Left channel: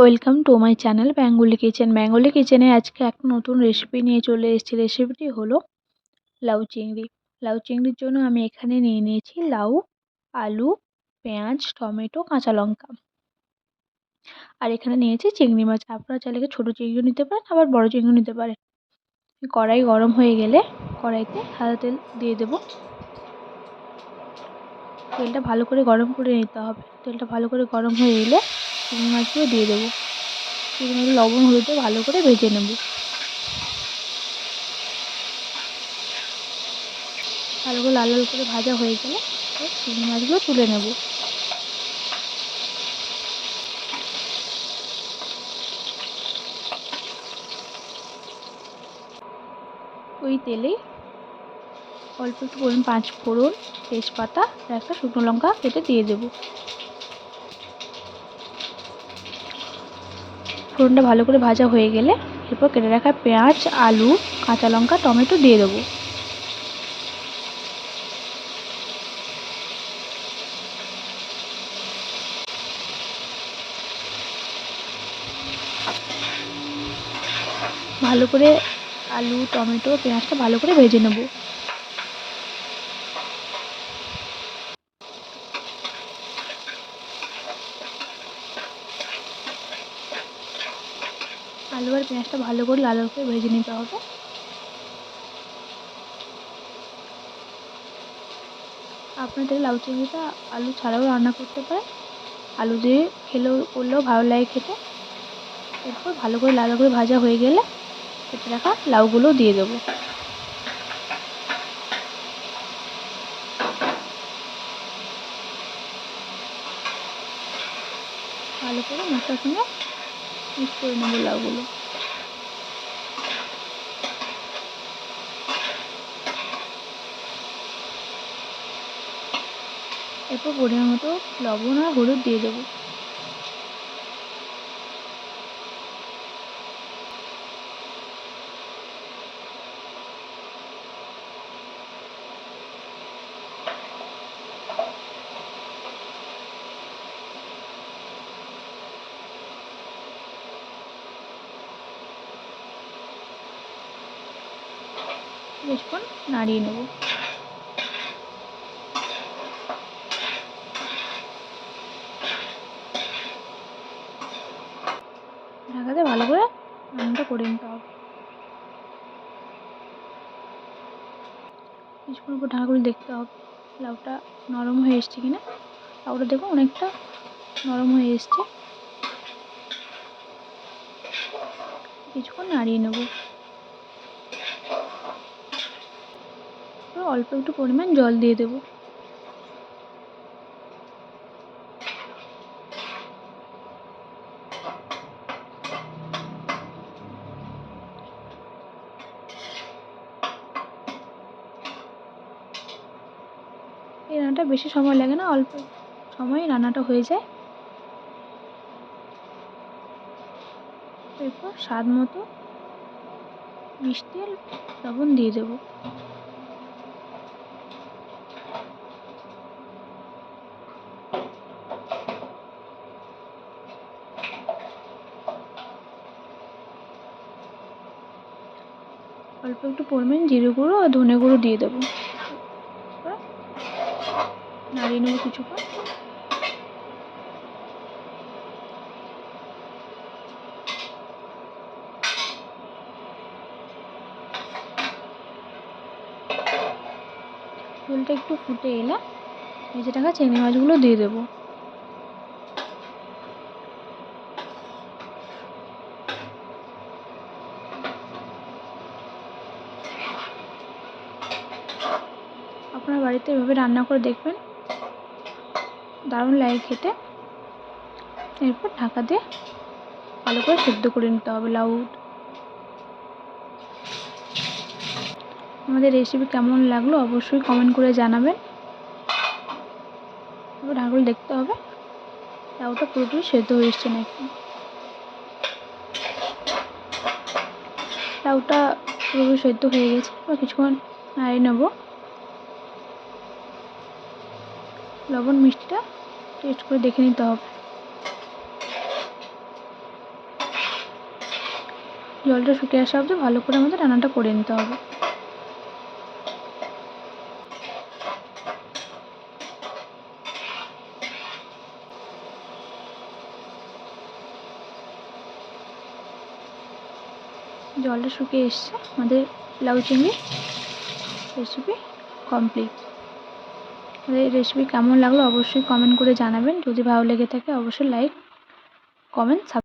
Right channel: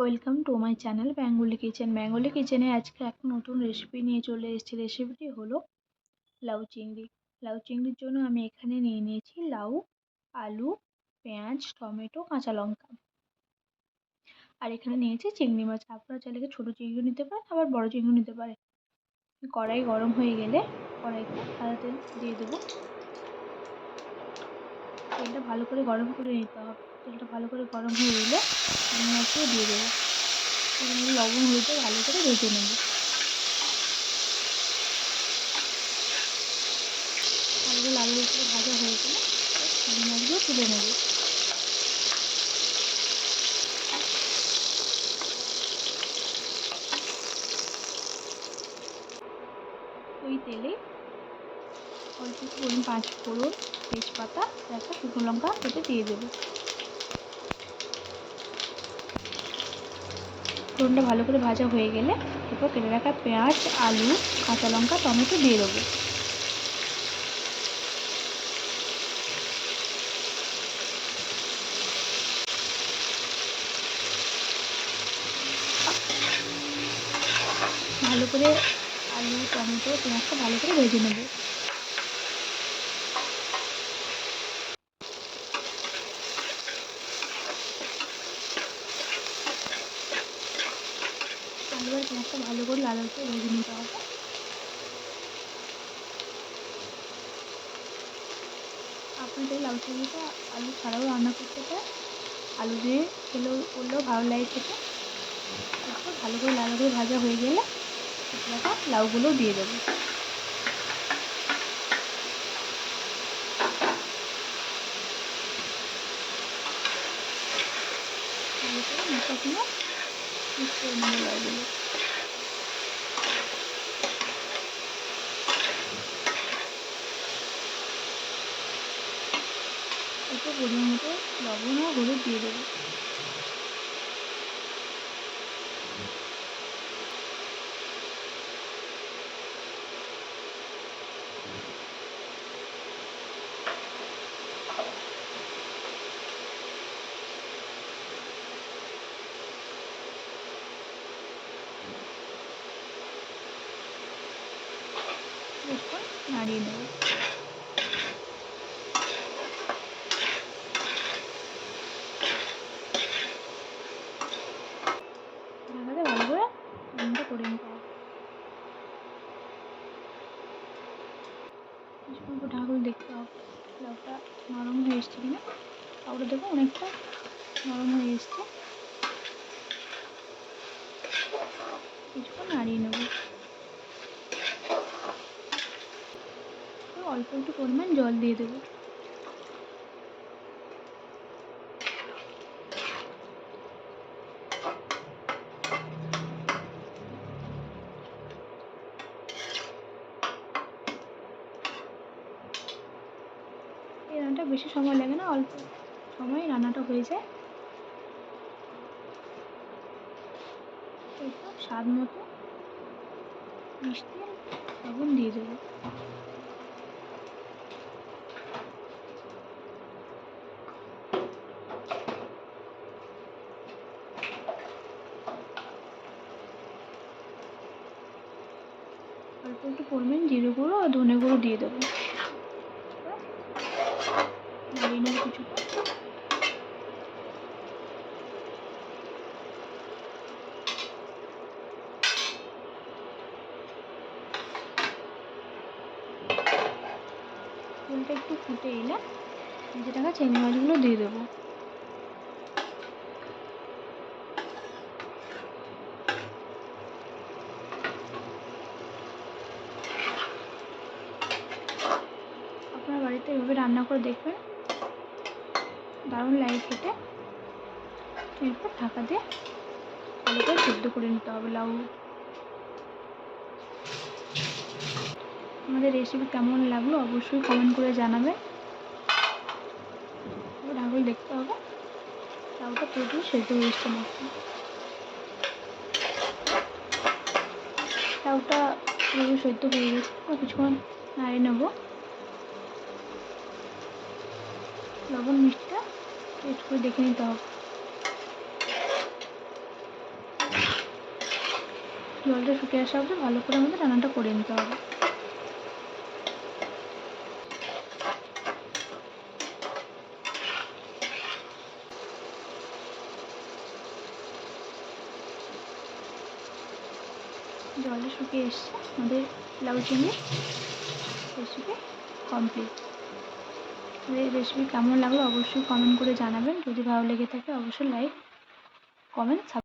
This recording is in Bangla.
Welcome to my channel Bengali kitchen. Bengali কিচেনে আজকে একটা নতুন রেসিপি নিয়ে চলে এসেছি। রেসিপিটি হলো লাউ চিংড়ি। লাউ চিংড়ির জন্য আমি এখানে নিয়ে নিয়েছি লাউ, আলু, পেঁয়াজ, টমেটো, কাঁচা লঙ্কা। আর এখানে নিয়েছি চিংড়ি মাছ। আপনারা চাইলে ছোটো চিংড়িও নিতে পারেন, আবার বড় চিংড়িও নিতে পারেন। কড়াই গরম হয়ে গেলে কড়াইতে সাদা তেল দিয়ে দেবো। তেলটা ভালো করে গরম করে নিতে হবে। তেলটা ভালো করে গরম হয়ে এলে চিংড়ি মাছগুলো দিয়ে দেবো। চিংড়ি মাছ লবণ হলুদ দিয়ে ভালো করে ভেজে নেব। ভালো করে লাল লাল করে ভাজা হয়ে গেলে চিংড়ি মাছগুলো তুলে নেব। ওই তেলেই অল্প একটু পরিমাণ পাঁচ ফোড়ন, তেজপাতা আর একটা শুকনো লঙ্কা কেটে দিয়ে দেবো। ফোড়নটা ভালো করে ভাজা হয়ে গেলে এরপর কেটে রাখা পেঁয়াজ, আলু, কাঁচা লঙ্কা, টমেটো দিয়ে দেবো। ভালো করে আলু, টমেটো, পেঁয়াজটা ভালো করে ভেজে নেব। আলু আর পেঁয়াজটা ভালো করে লাল করে ভেজে নিতে হবে। আপনি তাহলে লাউ চিংড়িটা আলু ছাড়াও রান্না করতে পারেন। আলু দিয়ে করলেও ভালো লাগে খেতে। এরপর ভালো করে লাল করে ভাজা হয়ে গেলে কেটে রাখা লাউগুলো দিয়ে দেবো। ভালো করে মশলার সঙ্গে মিক্স করে নেবো লাউগুলো। এরপর পরিমাণ মতো লবণ আর হলুদ দিয়ে দেবো। কিছুক্ষণ নাড়িয়ে নেব। ঢাকাতে ভালো করে রান্নাটা করে নিতে হবে। কিছুক্ষণ পর ঢাকা খুলে দেখতে হবে লাউটা নরম হয়ে এসছে কিনা। লাউটা দেখো অনেকটা নরম হয়ে এসছে। কিছুক্ষণ নাড়িয়ে নেব। অল্প একটু পরিমাণ জল দিয়ে দেবো। এই রান্নাটা বেশি সময় লাগে না, অল্প সময়ে রান্নাটা হয়ে যায়। এরপর স্বাদ মতো মিষ্টি আর লবণ দিয়ে দেবো। অল্প একটু পরিমাণ জিরে গুঁড়ো আর ধনে গুঁড়ো দিয়ে দেবো। নাড়িয়ে নেবো কিছুক্ষণ। ঝোলটা একটু ফুটে এলে ভেজে রাখা চিংড়ি মাছগুলো দিয়ে দেবো। আপনার বাড়িতে এভাবে রান্না করে দেখবেন, দারুণ লাগে খেতে। এরপর ঢাকা দিয়ে ভালো করে সেদ্ধ করে নিতে হবে লাউ। আমাদের রেসিপি কেমন লাগলো অবশ্যই কমেন্ট করে জানাবেন। ঢাকা খুলে দেখতে হবে লাউটা পুরোপুরি সেদ্ধ হয়ে এসছে নাকি। লাউটা পুরোপুরি সেদ্ধ হয়ে গেছে। বা কিছুক্ষণ নাড়িয়ে নেবো। লবণ মিষ্টিটা টেস্ট করে দেখে নিতে হবে। জলটা শুকিয়ে আসা অবধি ভালো করে আমাদের রান্নাটা করে নিতে হবে। জলটা শুকিয়ে এসছে, আমাদের লাউ চিংড়ি রেসিপি কমপ্লিট। আমাদের রেসিপি কেমন লাগলো অবশ্যই কমেন্ট করে জানাবেন। যদি ভালো লেগে থাকে অবশ্যই লাইক, কমেন্ট,